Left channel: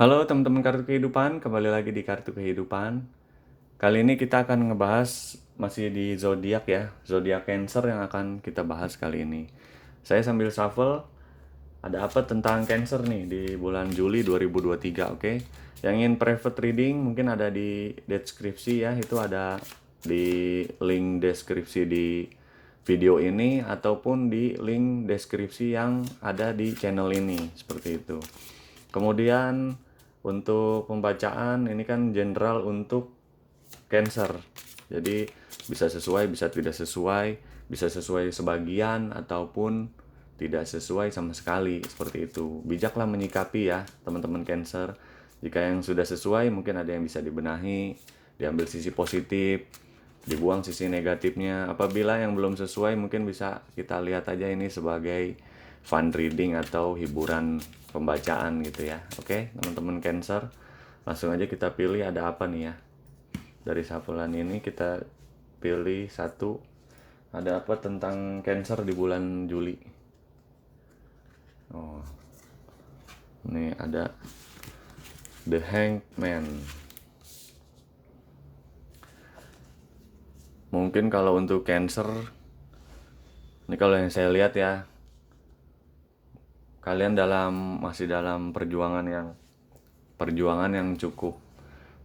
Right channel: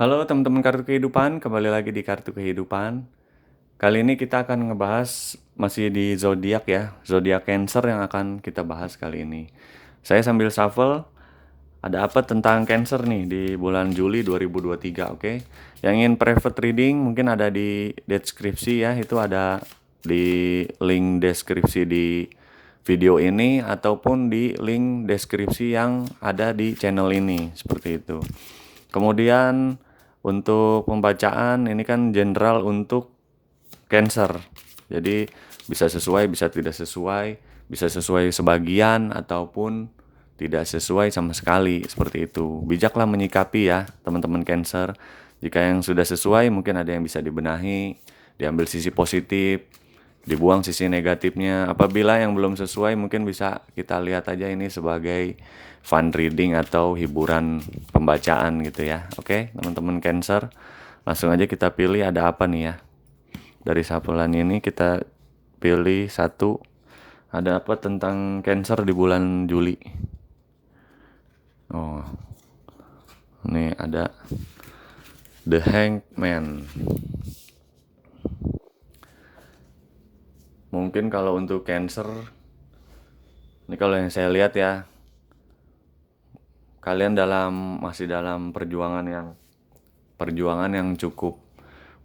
Halo teman-teman Kartu Kehidupan, kembali lagi di Kartu Kehidupan. Kali ini kita akan ngebahas masih di zodiak ya, zodiak Cancer yang akan kita bahas kali ini. Saya sambil shuffle, ada apa tentang Cancer nih di bulan Juli 2023, oke? Yang ingin private reading mungkin ada di deskripsi ya, itu ada di link deskripsi di video ini ataupun di link deskripsi yang ada di channel ini, seperti itu. Kemudian untuk pembacaan ini kan general untuk Cancer. Jadi bisa sesuai, bisa tidak sesuai, bisa sesuai sebagian ataupun tidak sesuai sama sekali, seperti itu. Bijaklah menyikapi ya, teman-teman Cancer. Jika yang sudah sesuai mungkin ada yang bisa dibenahi, diambil sisi positif, dibuang sisi negatifnya. Apabila yang belum sesuai mungkin bisa kita lihat aja ini sebagai fun reading atau hiburan pembacaan gitu ya. Oke, teman-teman Cancer, langsung aja kita pilih ada apa nih ya. Dari shufflean ini kita pilih satu, ada apa tentang Cancer di bulan Juli. Oh, ini ada The Hanged Man. Mungkin kalau untuk Cancer, ini kalau yang saya lihat ya, kalian masih dalam perjuangan yang cukup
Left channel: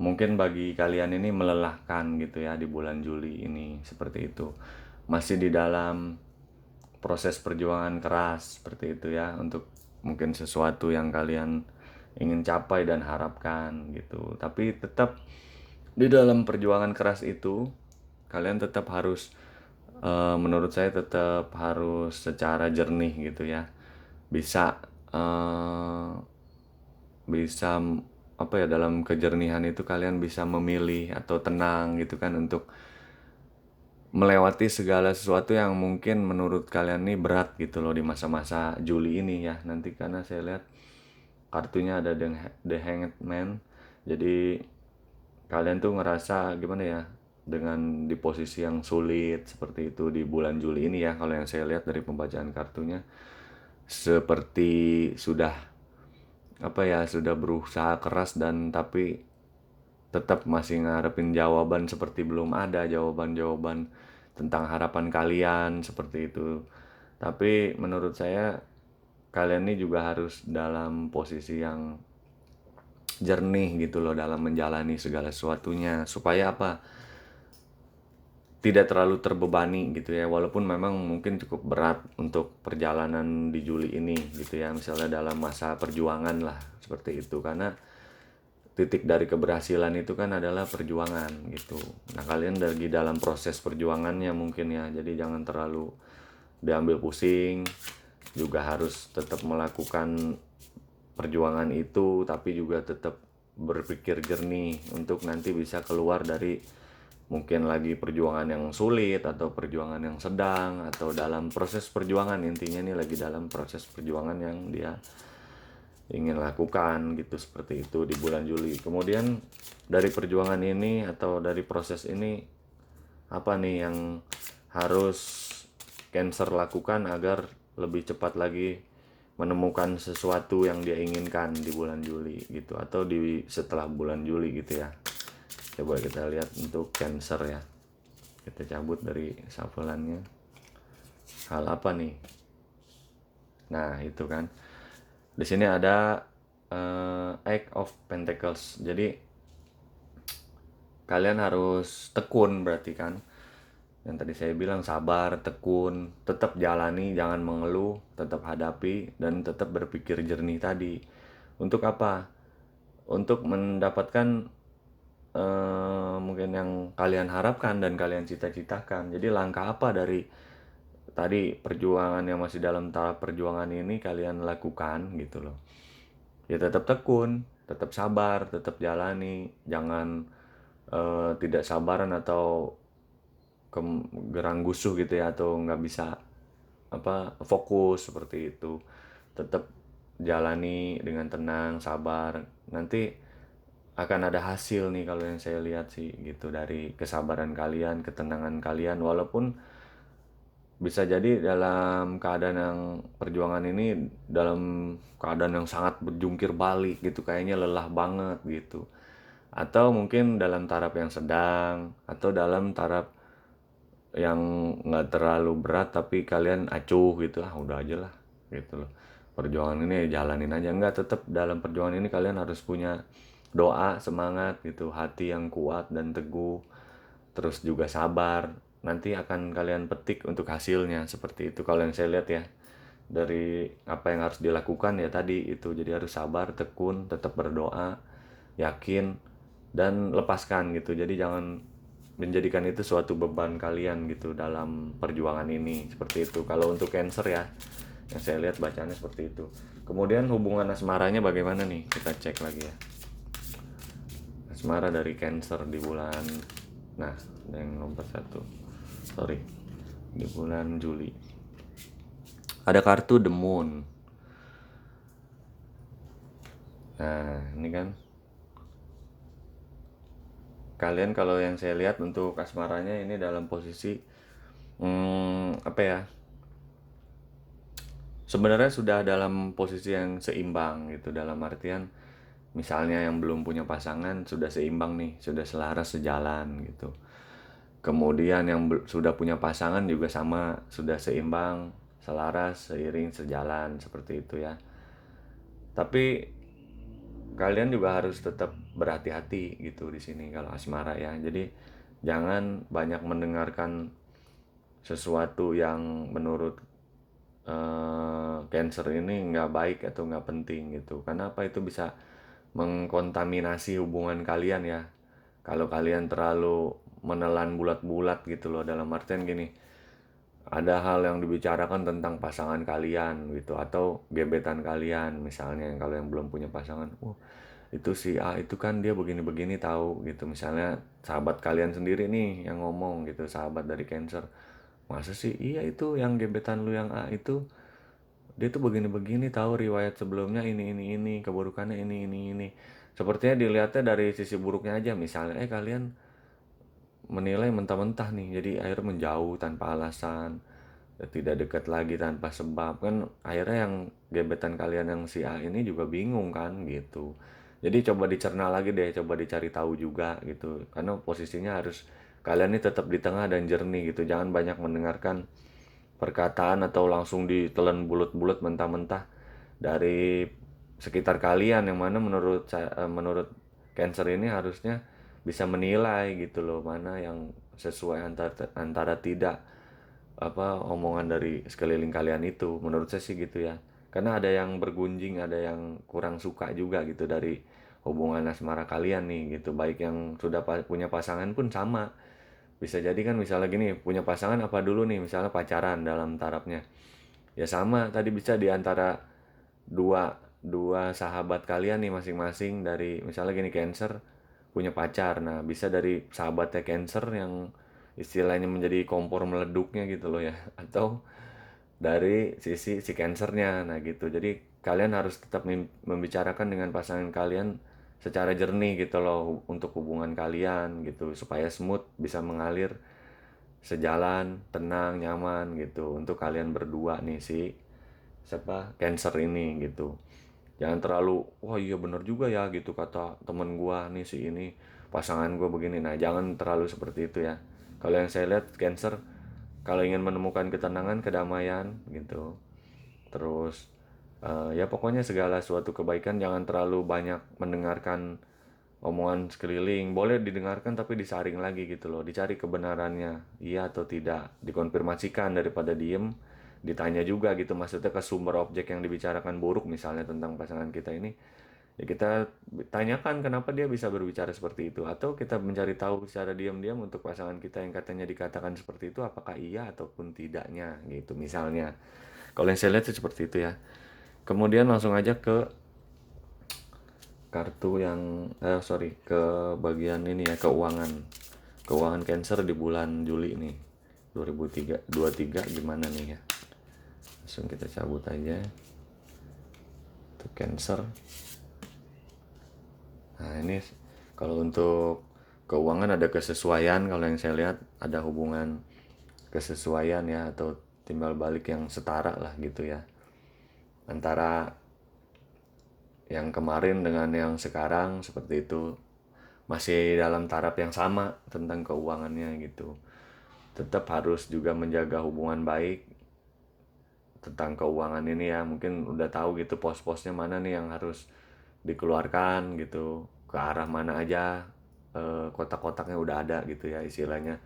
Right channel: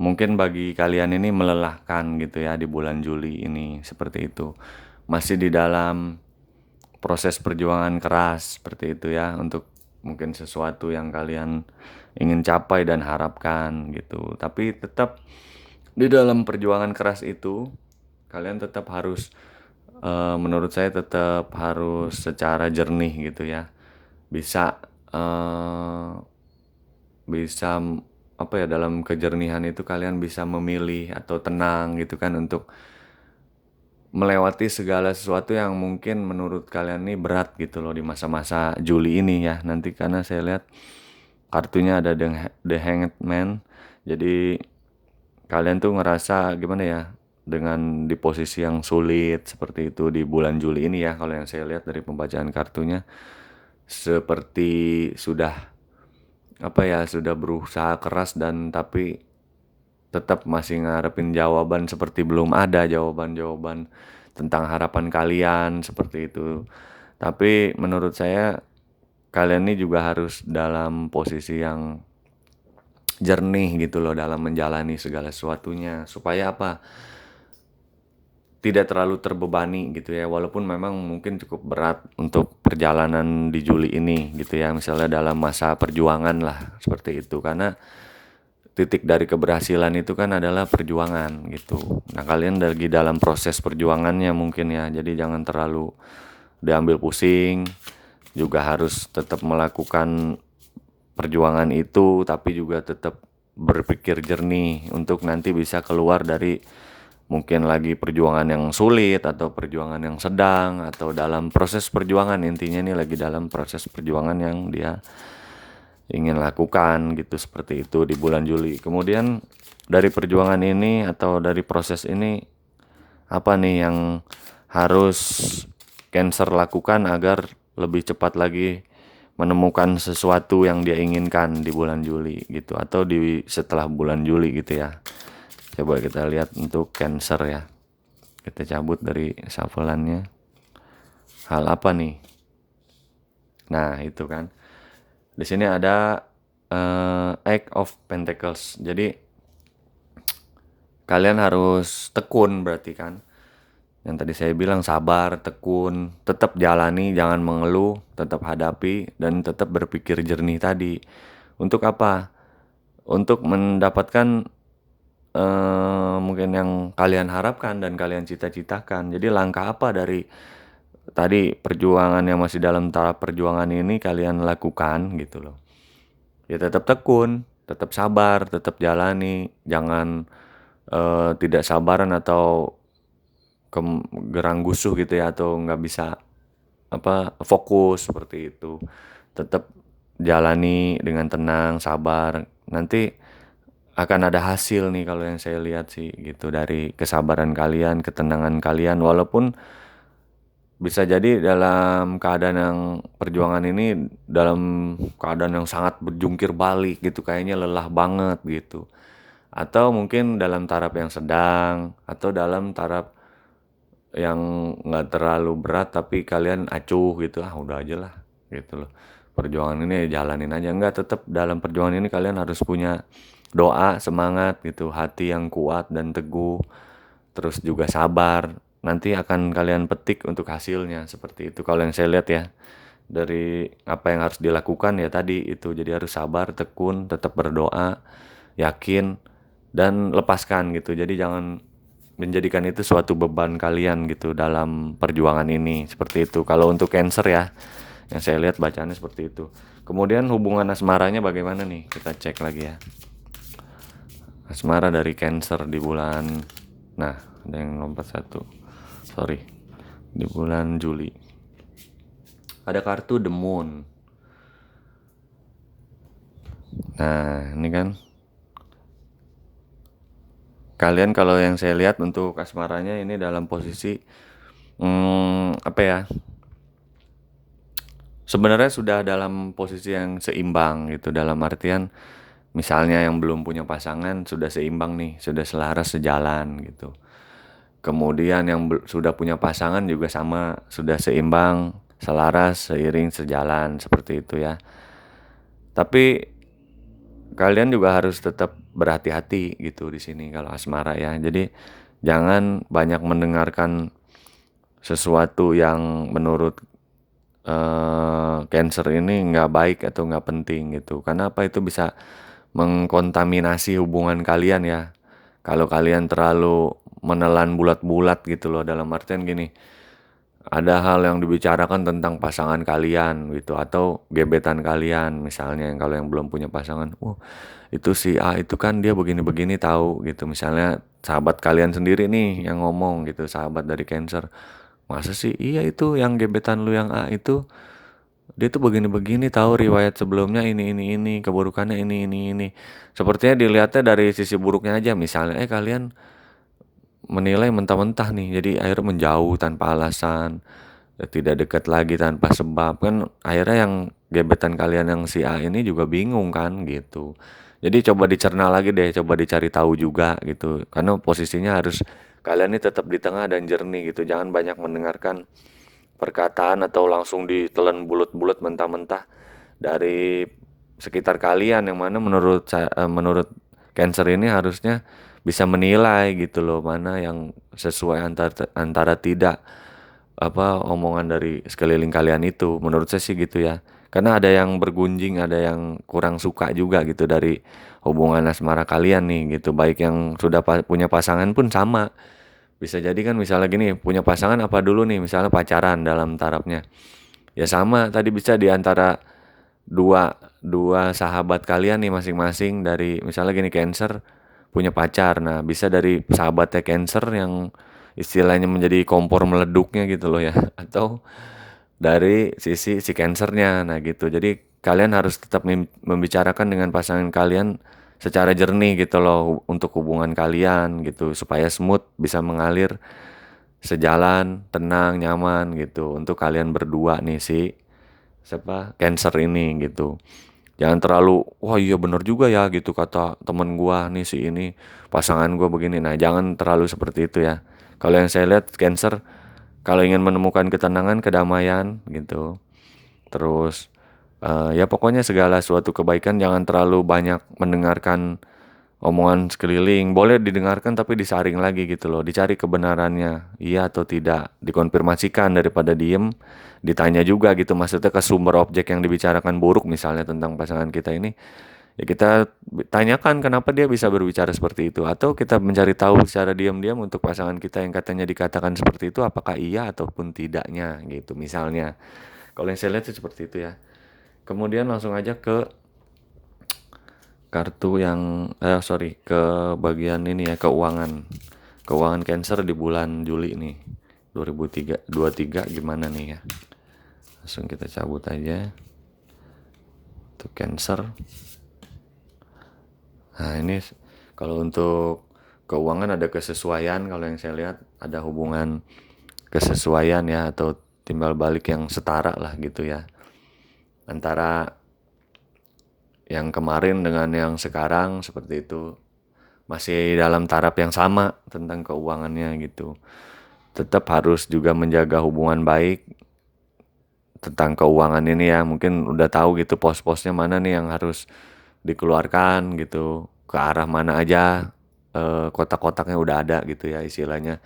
mungkin bagi kalian ini melelahkan gitu ya di bulan Juli ini, seperti itu. Masih di dalam proses perjuangan keras seperti itu ya, untuk mungkin sesuatu yang kalian ingin capai dan harapkan gitu. Tapi tetap di dalam perjuangan keras itu kalian tetap harus menurut saya tetap harus secara jernih gitu ya, bisa bisa apa ya, dalam kejernihan itu kalian bisa memilih atau tenang gitu kan, untuk melewati segala sesuatu yang mungkin menurut kalian ini berat gitu loh di masa-masa Juli ini ya. Nanti karena saya lihat kartunya ada The Hanged Man, jadi kalian tuh ngerasa gimana ya, dengan di posisi yang sulit seperti itu di bulan Juli ini ya. Kalau yang saya lihat dari pembacaan kartunya, seperti sudah apa ya, sudah berusaha keras dan tapi tetap masih ngarepin jawaban, seperti belum ada jawaban-jawaban tentang harapan kalian seperti itu. Tapi menurut saya kalian ini juga harus dalam posisi yang jernih gitu loh dalam menjalani segala sesuatunya, supaya apa, tidak terlalu terbebani gitu ya. Walaupun memang mungkin cukup berat untuk perjalanan di Juli ini gitu ya, misalnya dalam masa perjuangan lah seperti itu, karena titik dari keberhasilan itu kan adalah perjuangan gitu. Nah kalian lagi dalam proses perjuangannya mungkin ya, jadi jangan terlalu diambil pusing, juga harus tetap melakukan perjuangan itu, tapi juga tetap berpikir jernih untuk nanti bisa keluar dari mungkin lagi perjuangan yang sulit atau perjuangan yang sedang atau dalam proses perjuangan. Intinya ini lagi dalam proses perjuangan yang dia ingin lakukan gitu, seperti itu di bulan Juli. Kemudian dari perjuangan ini atau dari proses ini, apa nih yang harus Cancer lakukan agar lebih cepat lagi menemukan sesuatu yang dia inginkan di bulan Juli gitu, atau di setelah bulan Juli gitu ya. Coba kita lihat untuk Cancer ya. Kita cabut dari shuffle-annya. Hal apa nih? Nah, itu kan. Di sini ada Eight of Pentacles. Jadi kalian harus tekun berarti kan. Yang tadi saya bilang sabar, tekun, tetap jalani, jangan mengeluh, tetap hadapi dan tetap berpikir jernih tadi. Untuk apa? Untuk mendapatkan mungkin yang kalian harapkan dan kalian cita-citakan. Jadi langkah apa dari tadi perjuangan yang masih dalam tahap perjuangan ini kalian lakukan gitu loh. Ya tetap tekun, tetap sabar, tetap jalani, jangan tidak sabaran atau gerang gusuh gitu ya, atau nggak bisa apa fokus seperti itu. Tetap jalani dengan tenang, sabar. Nanti akan ada hasil nih kalau yang saya lihat sih gitu, dari kesabaran kalian, ketenangan kalian. Walaupun bisa jadi dalam keadaan yang perjuangan ini dalam keadaan yang sangat berjungkir balik gitu, kayaknya lelah banget gitu. Atau mungkin dalam taraf yang sedang, atau dalam taraf yang nggak terlalu berat tapi kalian acuh gitu, udah aja lah gitu loh. Perjuangan ini jalanin aja, enggak, tetap dalam perjuangan ini kalian harus punya doa, semangat gitu, hati yang kuat dan teguh, terus juga sabar. Nanti akan kalian petik untuk hasilnya seperti itu kalau yang saya lihat ya. Dari apa yang harus dilakukan ya tadi itu, jadi harus sabar, tekun, tetap berdoa, yakin, dan lepaskan gitu. Jadi jangan menjadikan itu suatu beban kalian gitu dalam perjuangan ini, seperti itu kalau untuk Cancer ya, yang saya lihat bacaannya seperti itu. Kemudian hubungan asmaranya bagaimana nih, kita cek lagi ya. Asmara dari Cancer di bulan, nah ada yang lompat satu, sorry, di bulan Juli ada kartu The Moon. Nah ini kan kalian, kalau yang saya lihat untuk asmaranya ini dalam posisi apa ya, sebenarnya sudah dalam posisi yang seimbang gitu, dalam artian misalnya yang belum punya pasangan sudah seimbang nih, sudah selaras sejalan gitu. Kemudian yang sudah punya pasangan juga sama, sudah seimbang, selaras, seiring, sejalan, seperti itu ya. Tapi kalian juga harus tetap berhati-hati gitu di sini kalau asmara ya. Jadi jangan banyak mendengarkan sesuatu yang menurut Cancer ini nggak baik atau nggak penting gitu. Karena apa, itu bisa mengkontaminasi hubungan kalian ya. Kalau kalian terlalu menelan bulat-bulat gitu loh, dalam artian gini, ada hal yang dibicarakan tentang pasangan kalian gitu, atau gebetan kalian misalnya, yang kalau yang belum punya pasangan, itu si A itu kan dia begini-begini tahu gitu, misalnya sahabat kalian sendiri nih yang ngomong gitu, sahabat dari Cancer, masa sih, iya itu yang gebetan lu yang A itu dia tuh begini-begini tahu, riwayat sebelumnya ini, keburukannya ini. Sepertinya dilihatnya dari sisi buruknya aja, misalnya kalian menilai mentah-mentah nih, jadi akhirnya menjauh tanpa alasan, tidak dekat lagi tanpa sebab, kan akhirnya yang gebetan kalian yang si A ini juga bingung kan gitu. Jadi coba dicerna lagi deh, coba dicari tahu juga gitu, karena posisinya harus kalian ini tetap di tengah dan jernih gitu, jangan banyak mendengarkan perkataan atau langsung ditelan bulat-bulat mentah-mentah dari sekitar kalian, yang mana menurut Cancer ini harusnya bisa menilai gitu loh, mana yang sesuai antara tidak apa omongan dari sekeliling kalian itu, menurut saya sih gitu ya. Karena ada yang bergunjing, ada yang kurang suka juga gitu dari hubungan asmara kalian nih gitu, baik yang sudah punya pasangan pun sama. Bisa jadi kan misalnya gini, punya pasangan apa dulu nih, misalnya pacaran dalam tarafnya. Ya sama, tadi bisa di antara dua dua sahabat kalian nih masing-masing, dari misalnya gini, Cancer punya pacar. Nah, bisa dari sahabatnya Cancer yang istilahnya menjadi kompor meleduknya gitu loh ya, atau dari sisi si Cancernya. Nah, gitu. Jadi kalian harus tetap membicarakan dengan pasangan kalian secara jernih gitu loh, untuk hubungan kalian gitu, supaya smooth, bisa mengalir sejalan, tenang, nyaman gitu untuk kalian berdua nih, siapa Cancer ini gitu. Jangan terlalu, wah iya bener juga ya gitu kata temen gua nih si ini, pasangan gua begini. Nah jangan terlalu seperti itu ya. Kalau yang saya lihat Cancer, kalau ingin menemukan ketenangan, kedamaian gitu, terus ya pokoknya segala suatu kebaikan, jangan terlalu banyak mendengarkan omongan sekeliling. Boleh didengarkan tapi disaring lagi gitu loh, dicari kebenarannya, iya atau tidak, dikonfirmasikan daripada diem. Ditanya juga gitu, maksudnya ke sumber objek yang dibicarakan buruk misalnya tentang pasangan kita ini, ya kita tanyakan kenapa dia bisa berbicara seperti itu, atau kita mencari tahu secara diam-diam untuk pasangan kita yang katanya dikatakan seperti itu, apakah iya ataupun tidaknya gitu misalnya. Kalau yang saya lihat sih seperti itu ya. Kemudian langsung aja ke kartu yang sorry, ke bagian ini ya, keuangan Cancer di bulan Juli nih 2023 gimana nih ya. Langsung kita cabut aja untuk Cancer. Nah ini kalau untuk keuangan ada kesesuaian, kalau yang saya lihat ada hubungan kesesuaian ya, atau timbal balik yang setara lah gitu ya, antara yang kemarin dengan yang sekarang seperti itu. Masih dalam taraf yang sama tentang keuangannya gitu. Tetap harus juga menjaga hubungan baik tentang keuangan ini ya. Mungkin udah tahu gitu pos-posnya mana nih yang harus dikeluarkan gitu, ke arah mana aja, kotak-kotaknya udah ada gitu ya istilahnya.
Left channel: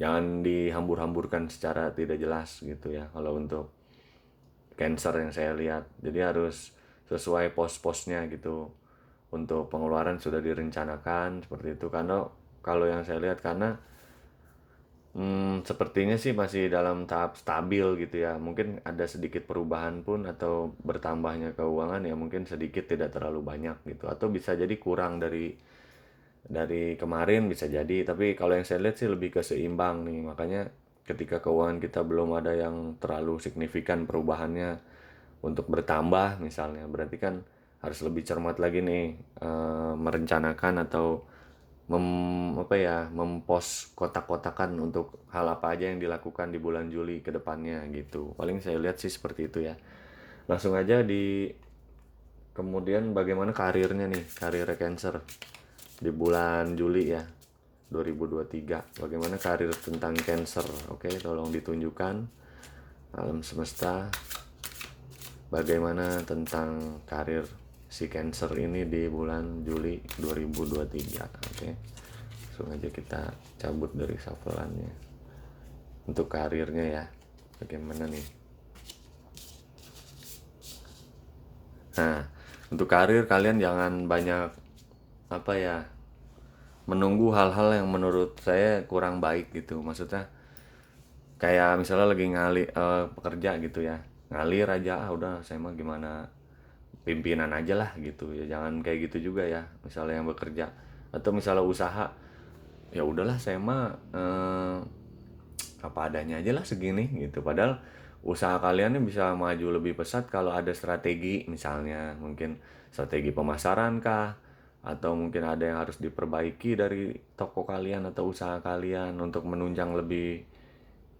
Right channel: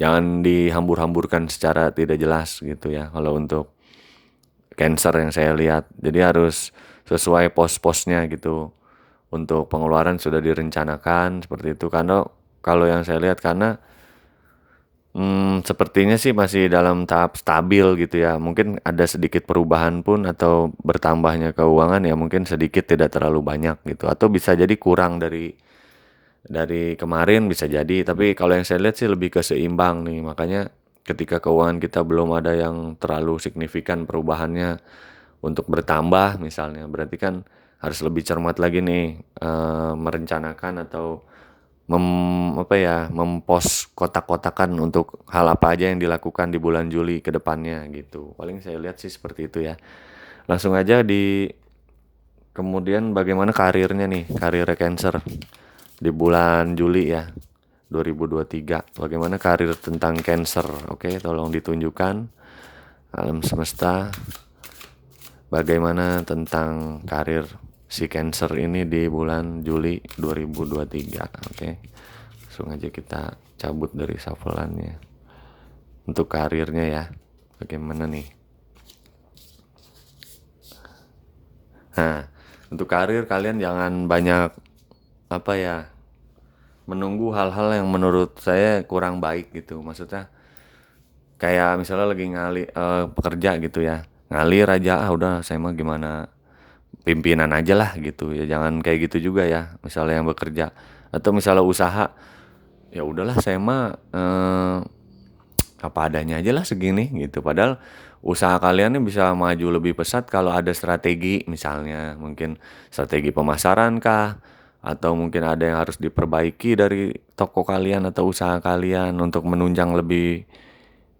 Jangan dihambur-hamburkan secara tidak jelas gitu ya kalau untuk Cancer yang saya lihat. Jadi harus sesuai pos-posnya gitu. Untuk pengeluaran sudah direncanakan seperti itu. Karena kalau yang saya lihat karena sepertinya sih masih dalam tahap stabil gitu ya. Mungkin ada sedikit perubahan pun atau bertambahnya keuangan ya mungkin sedikit, tidak terlalu banyak gitu. Atau bisa jadi kurang dari kemarin bisa jadi. Tapi kalau yang saya lihat sih lebih ke seimbang nih. Makanya ketika keuangan kita belum ada yang terlalu signifikan perubahannya untuk bertambah misalnya, berarti kan harus lebih cermat lagi nih, merencanakan atau mempos kotak-kotakan untuk hal apa aja yang dilakukan di bulan Juli ke depannya gitu. Paling saya lihat sih seperti itu ya. Langsung aja kemudian bagaimana karirnya nih, karir Cancer di bulan Juli ya 2023. Bagaimana karir tentang Cancer? Oke, tolong ditunjukkan alam semesta. Bagaimana tentang karir si Cancer ini di bulan Juli 2023. Oke. Langsung aja kita cabut dari shuffle-annya. Untuk karirnya ya. Bagaimana nih? Nah, untuk karir kalian jangan banyak menunggu hal-hal yang menurut saya kurang baik gitu. Maksudnya kayak misalnya lagi pekerja gitu ya, ngalir aja udah saya mah gimana pimpinan aja lah gitu ya, jangan kayak gitu juga ya misalnya yang bekerja. Atau misalnya usaha, ya udahlah saya mah apa adanya aja lah segini gitu, padahal usaha kalian ini bisa maju lebih pesat kalau ada strategi, misalnya mungkin strategi pemasaran kah, atau mungkin ada yang harus diperbaiki dari toko kalian atau usaha kalian untuk menunjang lebih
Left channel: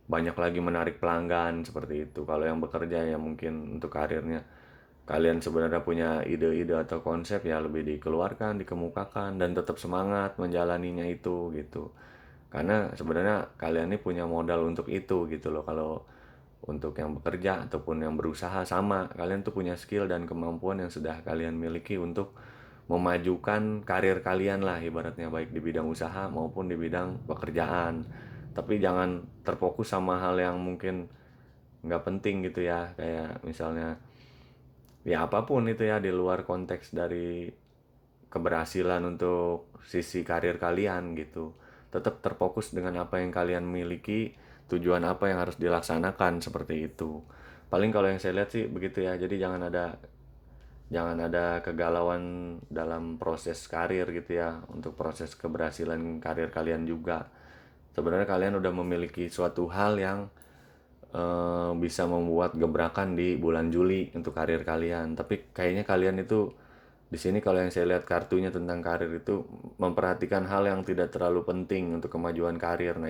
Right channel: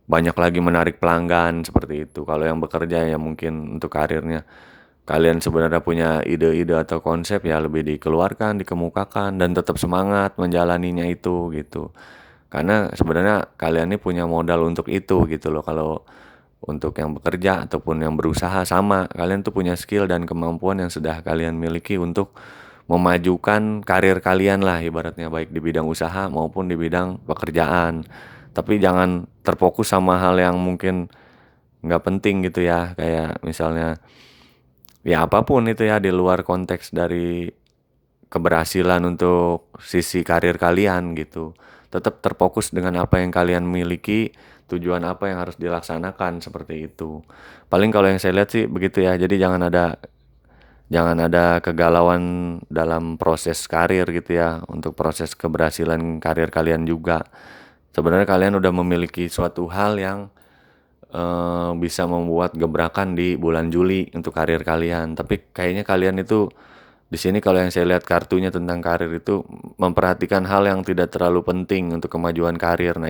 banyak lagi menarik pelanggan seperti itu. Kalau yang bekerja ya mungkin untuk karirnya kalian sebenarnya punya ide-ide atau konsep ya lebih dikeluarkan, dikemukakan dan tetap semangat menjalaninya itu gitu. Karena sebenarnya kalian ini punya modal untuk itu gitu loh. Kalau untuk yang bekerja ataupun yang berusaha sama, kalian tuh punya skill dan kemampuan yang sudah kalian miliki untuk memajukan karir kalian lah ibaratnya, baik di bidang usaha maupun di bidang pekerjaan. Tapi jangan terfokus sama hal yang mungkin nggak penting gitu ya, kayak misalnya ya apapun itu ya di luar konteks dari keberhasilan untuk sisi karir kalian gitu. Tetap terfokus dengan apa yang kalian miliki, tujuan apa yang harus dilaksanakan seperti itu. Paling kalau yang saya lihat sih begitu ya. Jadi jangan ada kegalauan dalam proses karir gitu ya, untuk proses keberhasilan karir kalian juga. Sebenarnya kalian udah memiliki suatu hal yang bisa membuat gebrakan di bulan Juli untuk karir kalian. Tapi kayaknya kalian itu di sini kalau yang saya lihat kartunya tentang karir itu memperhatikan hal yang tidak terlalu penting untuk kemajuan karir. Nah,